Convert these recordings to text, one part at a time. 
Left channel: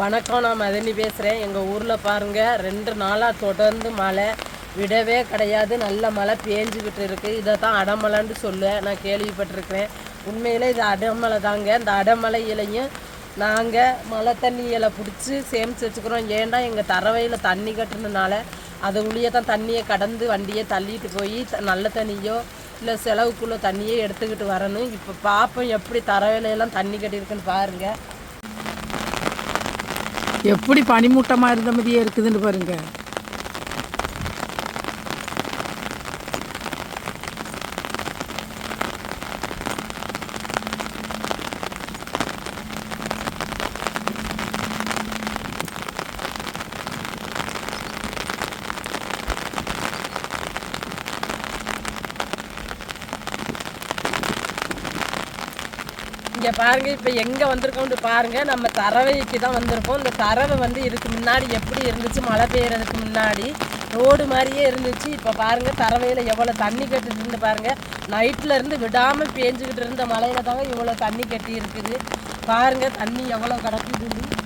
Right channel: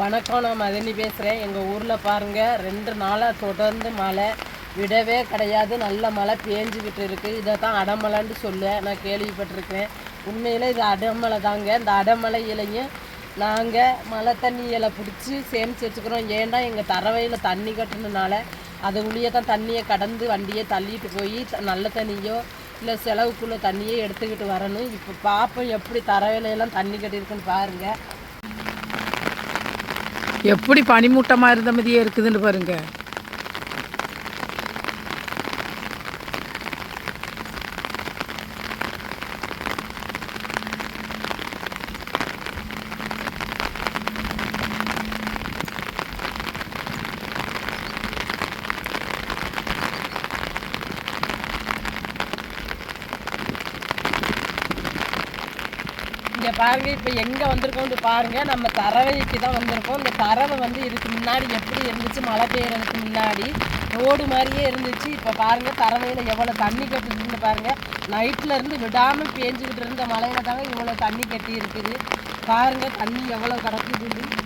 வணக்கம், நான் மதனி பேசுகிறேன். எங்கள் ஊரில் பாருங்கள், 2 நாளாக தொடர்ந்து மழை விடவே கிடையாது. நல்ல மழை பேஞ்சிக்கிட்டு இருக்குது. இதை தான் அடமலைன்னு சொல்ல நான் கேள்விப்பட்டிருக்கிறேன். உண்மையில் இது அடமலை தாங்க. இந்த அடமலையிலையும் நாங்கள் மழை தண்ணியில் பிடிச்சி சேமித்து வச்சுக்கிறோம். ஏன்டா எங்கள் தரவையில் தண்ணி கட்டுனதுனால அதை உள்ளே தான் தண்ணியை கடந்து வண்டியை தள்ளிட்டு போய் நல்ல தண்ணியோ இல்லை செலவுக்குள்ளே தண்ணியே எடுத்துக்கிட்டு வரணும். இப்போ பார்ப்போம் எப்படி தரவையிலெல்லாம் தண்ணி கட்டியிருக்குன்னு பாருங்கள். எப்படி பனிமூட்டமாக இருந்த மாதிரியே இருக்குதுன்னு பாருங்க. இங்கே பாருங்கள், இப்போ எங்கே வந்திருக்கோம்னு பாருங்கள். நம்ம தரவைக்கு தான் வந்திருக்கோம். இந்த தரவை வந்து இதுக்கு முன்னாடி எப்படி இருந்துச்சு, மழை பெய்யறதுக்கு முன்னாடி ரோடு மாதிரியே இருந்துச்சு. இப்போ பாருங்கள், தரவையில் எவ்வளோ தண்ணி கட்டிட்டு பாருங்கள். நைட்டில் இருந்து விடாமல் பேஞ்சுக்கிட்டு இருந்த மழையில தாங்க இவ்வளோ தண்ணி கட்டி இருக்குது. பாருங்கள் தண்ணி எவ்வளோ கிடக்குதுன்னு.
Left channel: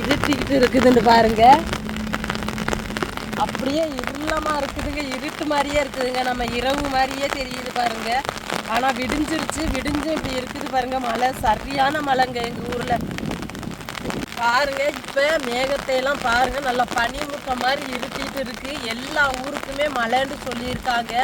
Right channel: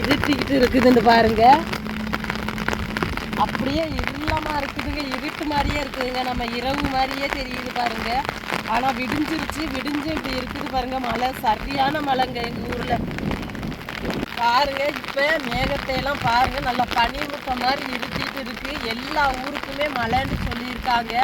இருட்டிக்கிட்டு இருக்குதுன்னு பாருங்க. அப்படியே இருளமா இருக்குதுங்க, இருட்டு மாதிரியே இருக்குதுங்க. நம்ம இரவு மாதிரியே தெரியுது பாருங்க. ஆனால் விடிஞ்சிருச்சு, விடிஞ்சு இப்படி இருக்குது பாருங்க. மழை சரியான மழைங்க எங்கள் ஊரில் பாருங்க. இப்போ மேகத்தையெல்லாம் பாருங்க, நல்லா பனிமுட்டம் மாதிரி இருட்டிட்டு இருக்கு. எல்லா ஊருக்குமே மழைன்னு சொல்லியிருக்காங்க.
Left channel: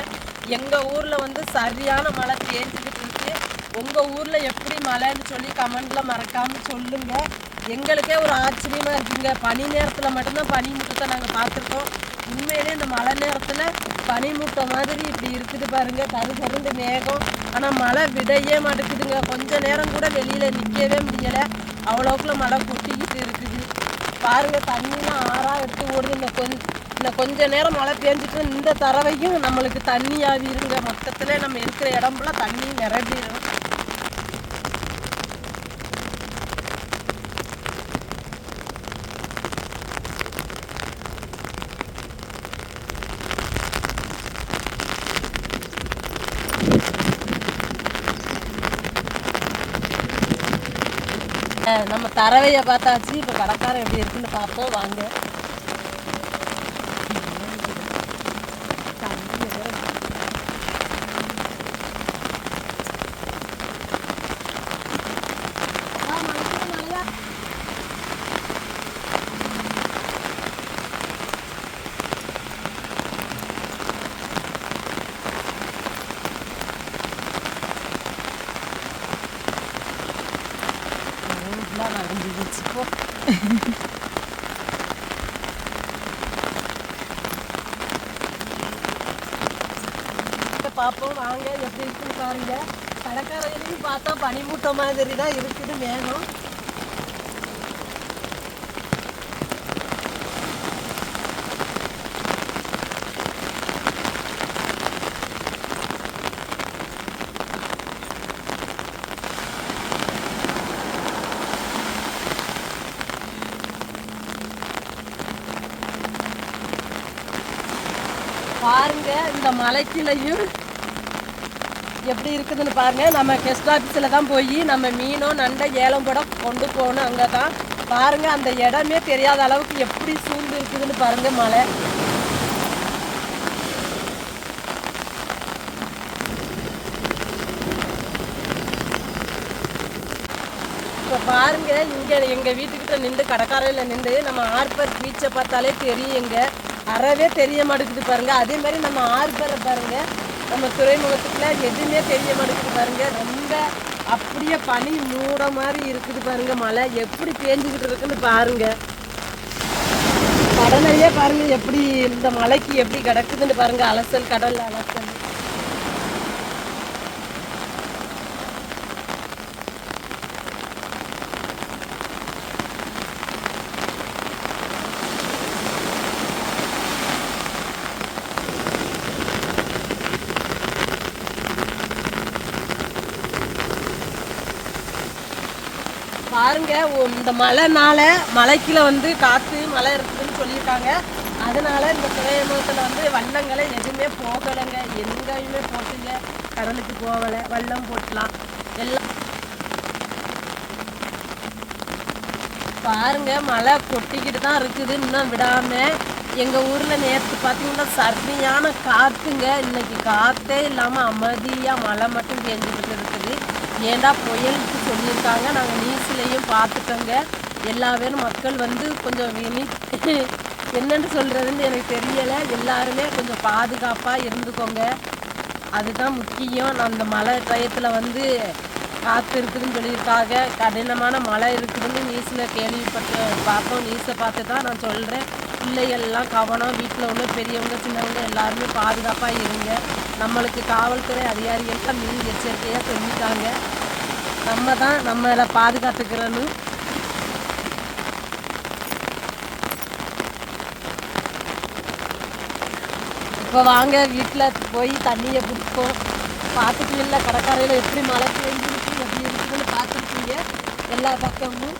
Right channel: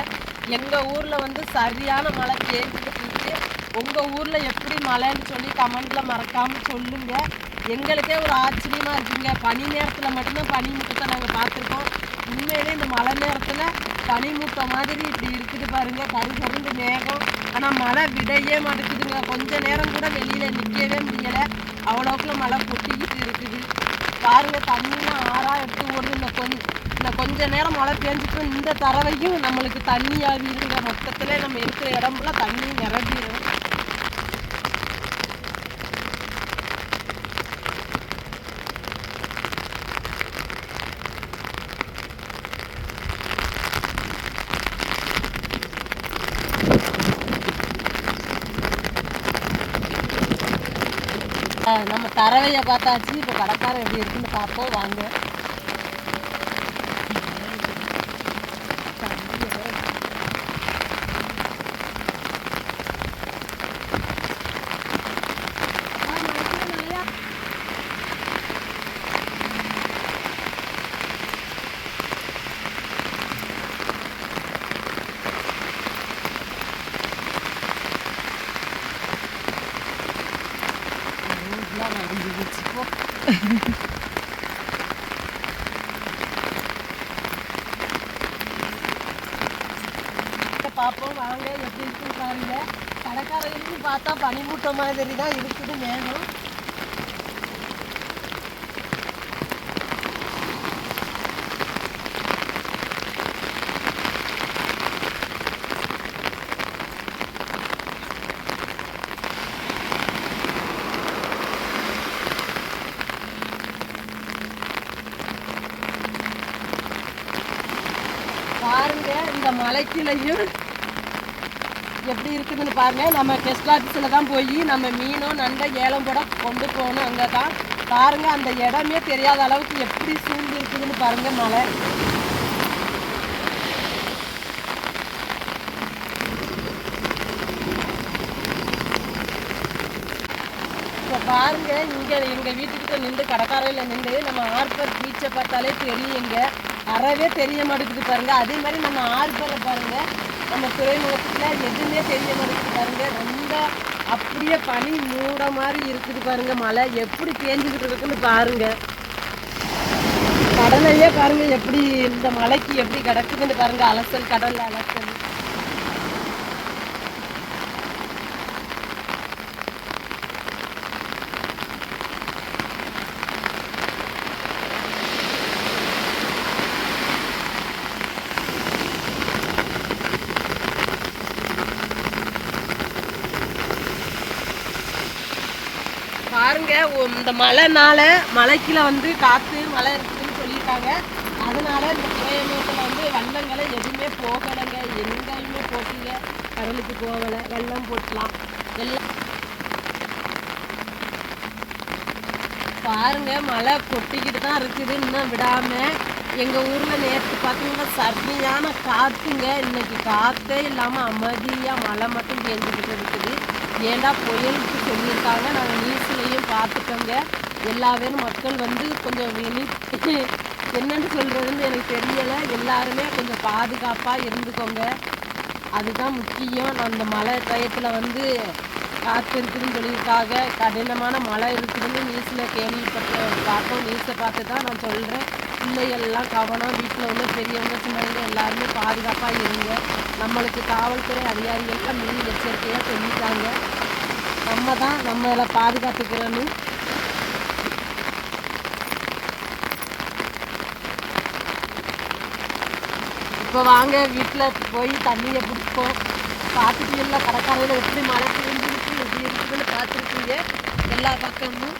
எங்கள் ஊரில் வந்து சரியான மழை பேஞ்சிட்டு இருக்கு. உங்கள் ஊரில் எப்படி மழைன்னு சொல்லி கமெண்டில் மறக்காமல் சொல்லுங்கள். எங்களுக்கே ஒரு ஆச்சரியமாக இருக்குங்க. பனி நேரத்தில் மட்டும்தான் பனிமூட்டத்தை நாங்கள் பார்த்துருக்கோம். உண்மையிலே இந்த மழை நேரத்தில் பனிமூட்டம் மாதிரி இப்படி இருக்குது பாருங்கள். கருகருண்டு மேகம். ஆனால் மழை விடையே மாட்டேங்குதுங்க. கொஞ்சம் நேரம் கூட வெளியில் நிற்கவே முடியலை. அவ்வளோக்குள்ள மழை கொட்டிக்கிட்டு இருக்குது பாருங்கள். தண்ணிலாம் ஆறாக எடுத்து ஓடுது. இந்த கொஞ்ச நேரம் மழை பெஞ்சிட்டு இந்த தரவையும் நம்மளுக்கு தண்ணி ஆகிருங்க. மொத்தத்தில் நம்ம இருக்கிற இடம்லாம் தண்ணி நிரம்பிடும். நம்ம தரவையை பார்த்தாச்சு. இப்போ கடைக்காரன் எப்படி இருக்குன்னு பார்ப்போம் வாங்க. பார்ப்போம் வாங்க எப்படி இருக்குன்னு பாருங்க. கடைக்காரையிலையும் பார்த்தா பனிமூட்ட மாதிரி தான் இருக்குது மேகம். பாருங்க இந்த மலைக்குள்ளையும் எப்படி இருக்குதுன்னு பாருங்க. நம்ம கெஸ்ட் ஆஃபீஸில் தான் போய் நம்ம மீனோ நண்டை ஏலம் போட கொண்டு போகணும். அங்கே தான் பாருங்க, அந்த இடமே தெரியாத அளவுக்கு எப்படி சூழ்ந்து இருக்குதுன்னு பாருங்க மலை. இப்போ பாருங்க, இங்கே எங்கள் வீட்டுக்கிட்ட நின்று கடற்கரையில் நின்று நம்ம ஆர்பர் பீச்சை பார்த்தாலே தெரியுங்க. அறவே தெரிய மாட்டேங்குது பாருங்க. அதே மாதிரி நம்ம ஆர்பரை பாருங்க, நம்ம துறைமுகத்துக்குள்ள எதுவுமே தெரிய மாட்டேங்குது பாருங்க. ரொம்ப அப்படியே பனி மூட மாதிரி இருக்குது பாருங்க. மழை எப்படி பேஞ்சுக்கிட்டு இருக்குன்னு பாருங்க. கடலையே பாருங்க எப்படி இந்த மலைக்கு எப்படி கிடக்குதுன்னு பாருங்க. அலசல், கடல் அலசல். பாருங்க இந்த மலைக்குள்ள வந்து காற்று மழை இருக்குதுன்னு சொல்லியிருக்காங்க. அதனால இந்த துறைமுகத்தில் வந்து வள்ளங்களை எதுவுமே போகலைங்க, எங்கேயுமே போட்டுங்க, கடலுக்கு போகலை, வள்ளம் போட்டலாம் எல்லாம். பாருங்க மழை கொட்டிக்கிட்டு தான் இருக்குது, இன்னும் விடாம. எங்கள் ஊரில் நேற்று பார்த்தீங்கன்னா சரியான காற்றுங்க. இன்னைக்கு காற்றே இல்லாமல் அமைதியாக மழை மட்டும் பெஞ்சிக்கிட்டு இருக்குது. ஏண்டா புயலுக்கு சொல்லியிருக்காங்க, நாங்கள் நியூஸ்லேயும் பார்த்துட்டோங்க. எல்லா பேரும் மக்கள் வந்து கொஞ்சம் என்னென்னு சொல்கிறதுன்னு எனக்கு தெரியலை. எல்லாருமே கொஞ்சம் பாதுகாப்பாக இருந்துக்கோங்க, அதுதான் முக்கியம். நான் இந்த மழை டயத்தில் வந்து காற்று இருக்குதுன்னு சொல்லியிருக்காங்க, கடினமான மழை இருக்குதுன்னு நியூஸில் பார்த்தோம். நியூஸை பார்த்து தான் நான் சொல்கிறேன். பிள்ளைகள்லாம் கவனம், வீட்டில் உள்ள பெரியவங்க சின்னவங்க எல்லாருமே பாதுகாப்பாக இருங்க. நம்மளுக்கு காவல்துறை அதிகாரிகள்லாம் மீன் எச்சரிக்கையாக சொல்லிட்டாங்க. நம்ம தான் நம்மளை பாதுகாத்துக்கிறணும். இப்போ வாங்க வீட்டில் போய் தண்ணியை பிடிப்போம். பார்த்துட்டு இல்லை கடற்கரையில் எப்படி மழை பெஞ்சிருக்கு எப்படி இருக்குதுன்னு பார்த்துருக்கீங்க எல்லா பக்கமும்.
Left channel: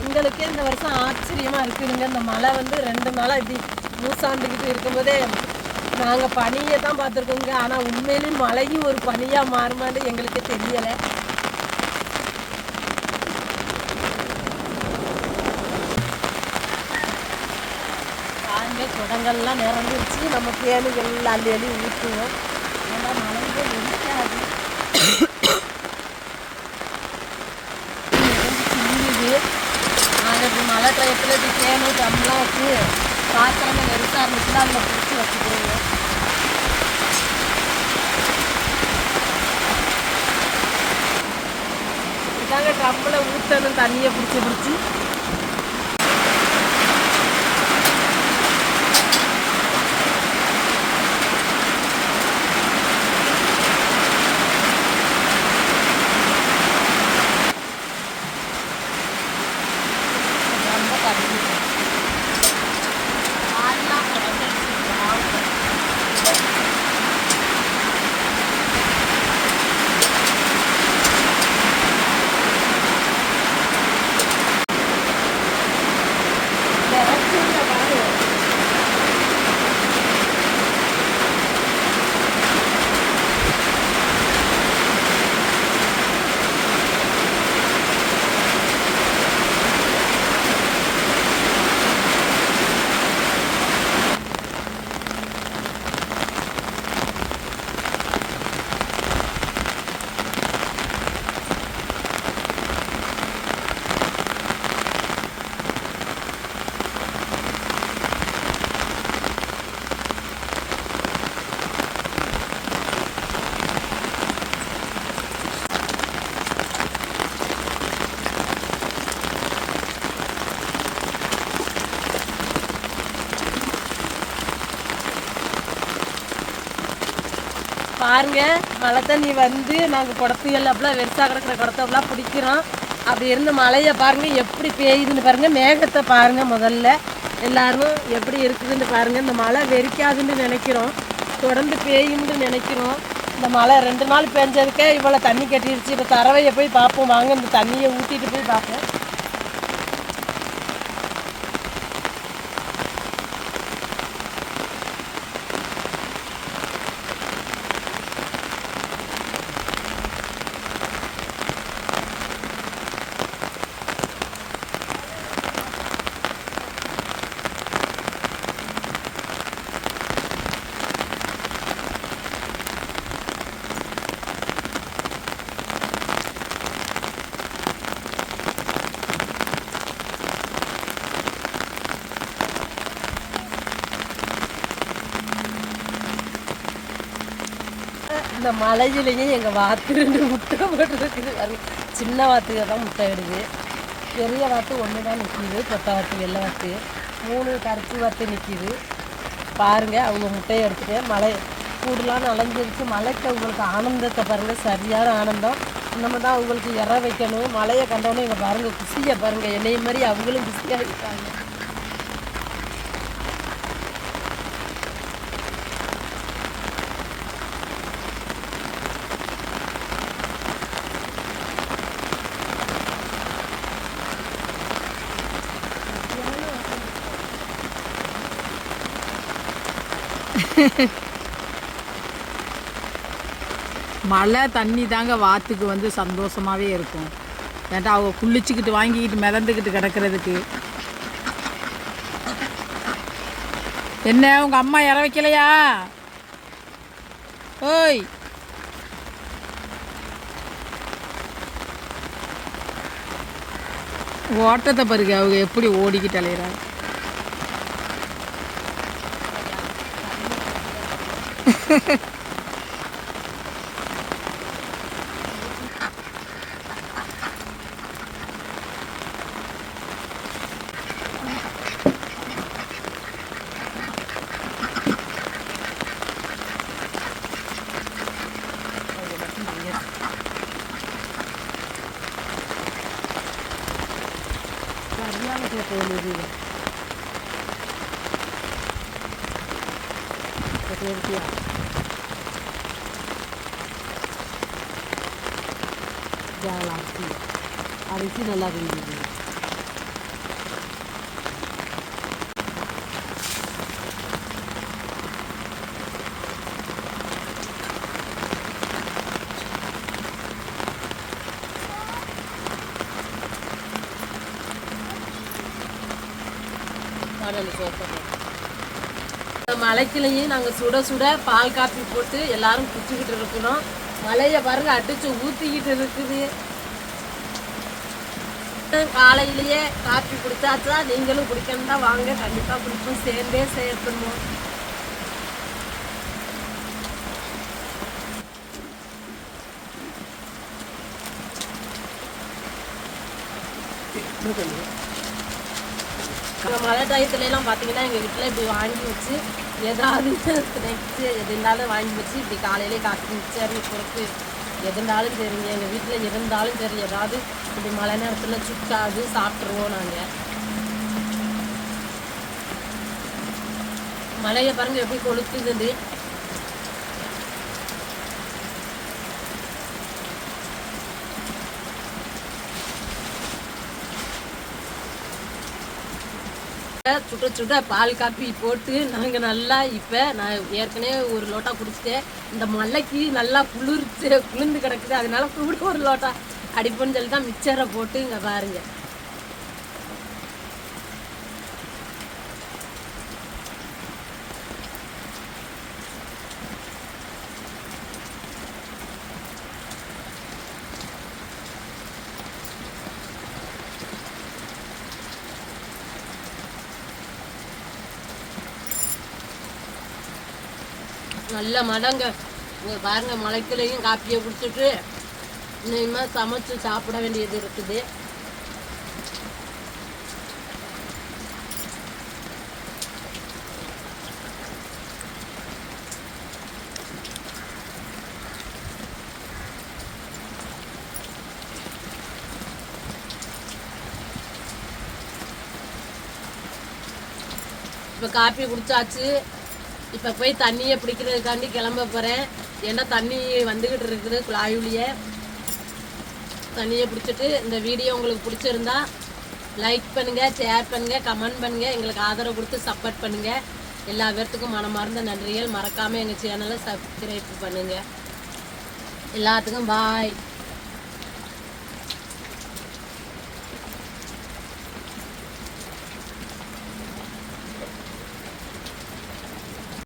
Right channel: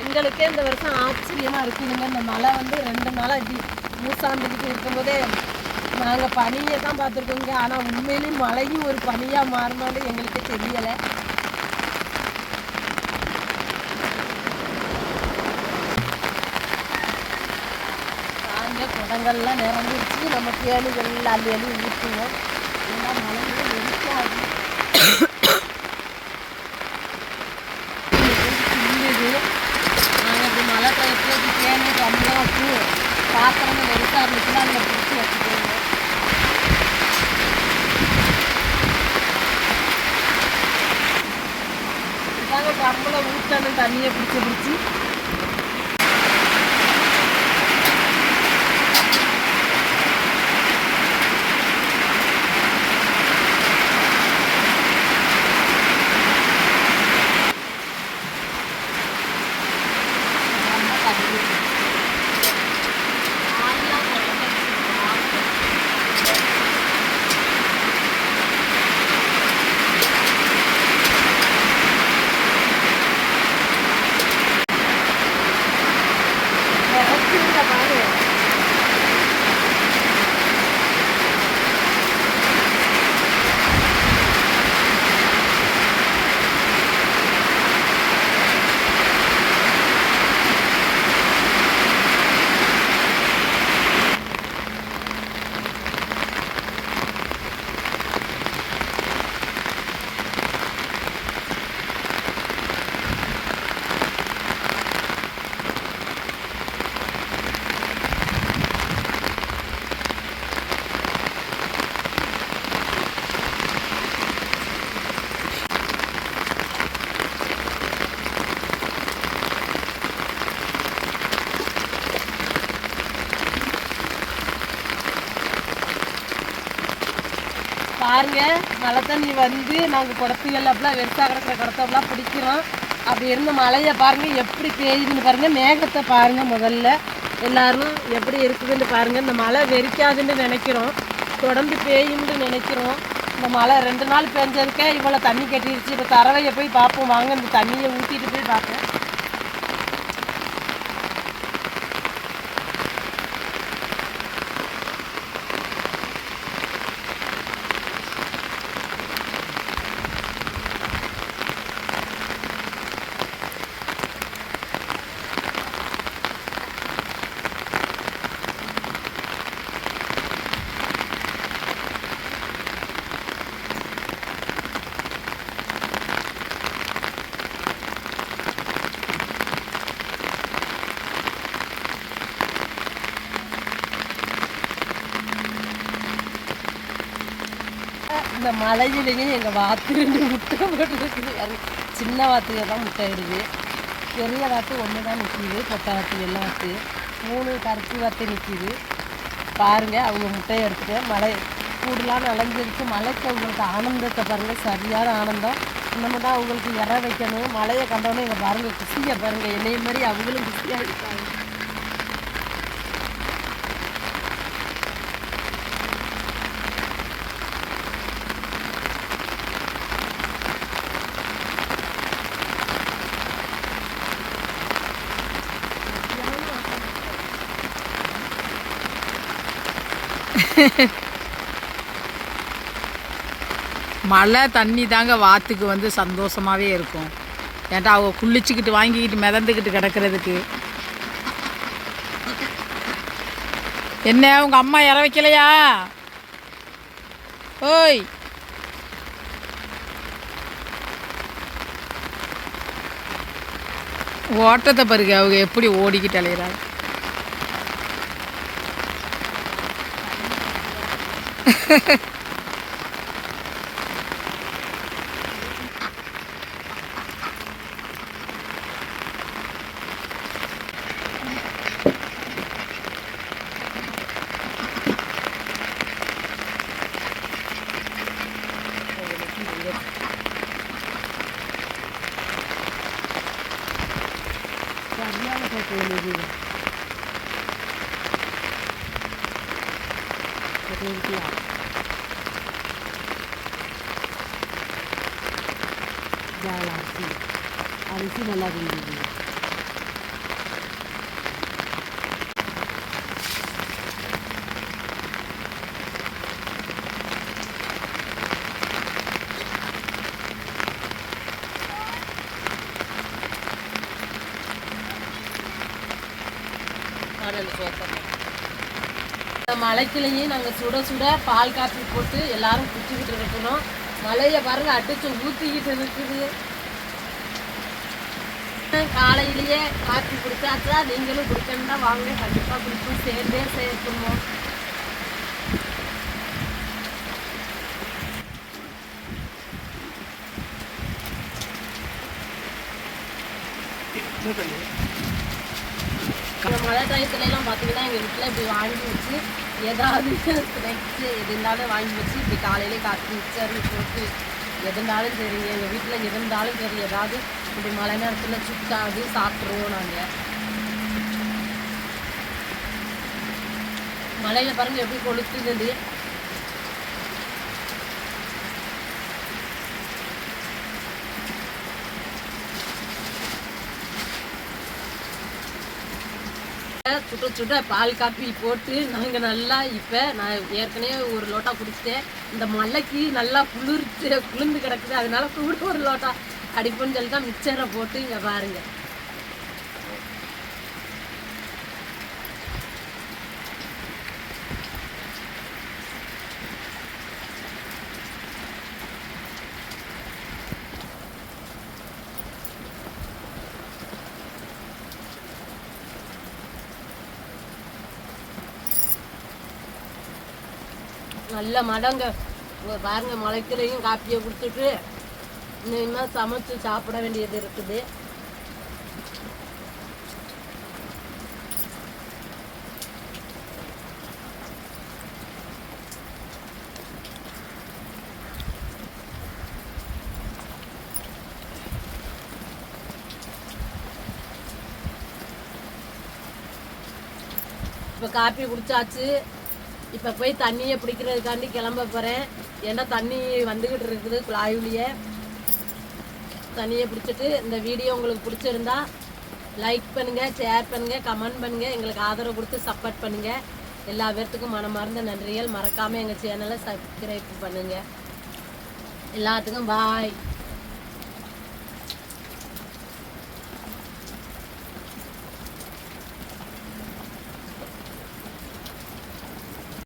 எங்களுக்கே இந்த வருஷம் ஆச்சரியமாக இருக்குதுங்க. இந்த மழை வந்து 2 நாளாக இப்படி மூசாந்துக்கிட்டு இருக்கும்போதே நாங்கள் பனியை தான் பார்த்துருக்கோங்க. ஆனால் உண்மையிலேயும் மழையும் ஒரு பனியாக மாறுமான்னு எங்களுக்கே தெரியலை. குடங்கள்லாம் நிறந்துருச்சு. நம்ம தேனிகள் அள்ளி அள்ளி ஊற்றுவோம். ஏன்னா மழைங்க வெடிக்காது. நாங்கள் இப்படி மழை டயத்தில் இப்படி தேனை கம்மியாக வச்சு பாத்திரங்கள் வெறுசாக இருந்துச்சுன்னா அதில் பிடிச்சி வச்சுக்கிறோங்க. இதுதாங்க ட்ரம்மில் ஊற்றணும் தண்ணியை பிடிச்சி பாருங்க. மழை தண்ணி வந்து நாங்கள் குடத்துகள் அப்படிலாம் வெறுசாக கிடக்கிற குடத்தெல்லாம் பிடிக்கிறோம். அப்படி இருந்து மழையை பாருங்கள் எப்படி பெய்யுதுன்னு பாருங்கள். மேகத்தை பாருங்கள். முதல்ல எல்லோரும் எப்படி இருக்குதுன்னு பாருங்கள். இந்த மழை வெறிக்காதுன்னு நினைக்கிறோம், தொடர்ந்து பெய்யும்னு நினைக்கிறோம். இந்த மழை 2 நாள் பெஞ்சதுக்கே இவ்வளோ தண்ணி கட்டிடுச்சு. இப்போ தரவையை போய் பார்ப்போம் வாங்க. இந்த தண்ணியை ஊற்றிட்டு போய் பார்ப்போம். இந்த மழையிலையும் எங்கள் வாத்து 2 முட்டை போட்டுருக்குது. சின்ன வாத்துக தான் முட்டை இடுது, பெரிய வாத்து 1 தான் நிற்கிது. பொட்டை வாத்து வெள்ளை வாத்து 3 கருப்பு வாத்து நிற்கிது. பாருங்கள் அவங்க முட்டையை எடுத்துகிட்டு மழை கூடலாம் நனைஞ்சிருச்சு. மழைக்கு அவங்களுக்கு ஆனந்தத்தை பாருங்கள், சரியான ஆனந்தம். இன்னமும் தான் அவங்களுக்கு இற வைக்கணும். மழையை கண்டோன்னே இங்கே பாருங்கள், குசியை பாருங்கள். என்னைய மாதிரி அவங்களும் குசியாக இருக்காங்க. மழை தண்ணி தாங்க வாத்துக்கு வந்து சந்தோஷமாகவே இருக்கும். ஏன்டா அவங்க குளிச்சுக்கிட்டு வாங்கிக்கிட்டு மிதந்துக்கிட்டு கிடக்கிறதுக்கு. என்ன உங்கள் அம்மா இற வைக்கலையா? ஓய், ஓட்டத்தை பாருங்க அவங்க எப்படி ஓடிக்கிட்டு அலையிறாங்க. சரியான கேட்க அரிசி அரிசி நல்லா இருந்தது. மலைக்கிளையும் நாங்கள் சுட சுட பால் காப்பி போட்டு எல்லாரும் குடிச்சுக்கிட்டு இருக்கிறோம். மலையை பாருங்க அடிச்சு ஊற்றிக்கிட்டு இருக்குது. காலையிலேயே காப்பி குடிச்சாச்சா? நீங்களும் குடிக்கணும்னா வாங்க, கண்டிப்பாக குடிப்போம், சேர்ந்தே சேர்த்துருவோம். மழை டயத்துலலாம் பார்த்தீங்கன்னா எங்கள் வீட்டில் இப்படி வாங்கி வச்சு ஏதாவது ஸ்நாக்ஸு எது இருந்தாலும் வாங்கி வச்சு இப்படி காலையிலே காப்பி மிக்சர் பொறுத்து எது இருந்தாலும் சரிங்க. எங்கள் வீட்டில் இருந்தாலும் சரி ஏதாவது இப்படி மழை நேரத்தில் சுக்காது சாப்பிட்ருவோம் நாங்கள். மழையை பாருங்க எப்படி கொளுத்துது. சுட்ட சுட்ட பால் காப்பி போட்டு நாங்கள் நல்லா இப்போ நான் ஏற்கனவே ஒரு லோட்டா குடிச்சிட்டேன். இந்த மலைக்கு நல்லா குளிர்ந்து கிடக்குது, அதனால கூட ஒரு லோட்டா அடிப்போன்னு சொல்லி தான் மிக்சரை போட்டு இங்கே பாருங்க. நல்ல மழைங்க பாருங்க. மலைக்குள்ளேயும் காப்பியை குடிச்சிட்டு இனிமேல் சமைச்சு சாப்பிட வேண்டியது இருக்குது. இப்போ காப்பி குடிச்சாச்சு. இப்போ போய் தண்ணியை பிடிக்கிறதுக்காண்டி கிளம்ப போகிறேன். ஏன்னா தண்ணி வந்துக்கிட்டு இருக்குது குழாயுலியே. தண்ணியை பிடிச்சிட்டு இந்த வீடியோ உங்களுக்கு பிடிச்சிருந்தா லைக் பண்ணுங்கள், ஷேர் பண்ணுங்கள், கமெண்ட் பண்ணுங்கள், எங்களுக்கு ஆதரவு கொடுத்து சப்போர்ட் பண்ணுங்கள். எல்லா பேர்த்துக்கும் மனமார்ந்த நன்றிகள். மறக்காமல் எங்கள் சேனலை சப்ஸ்கிரைப் பண்ணுங்கள். எல்லாத்துக்கும் பாய்.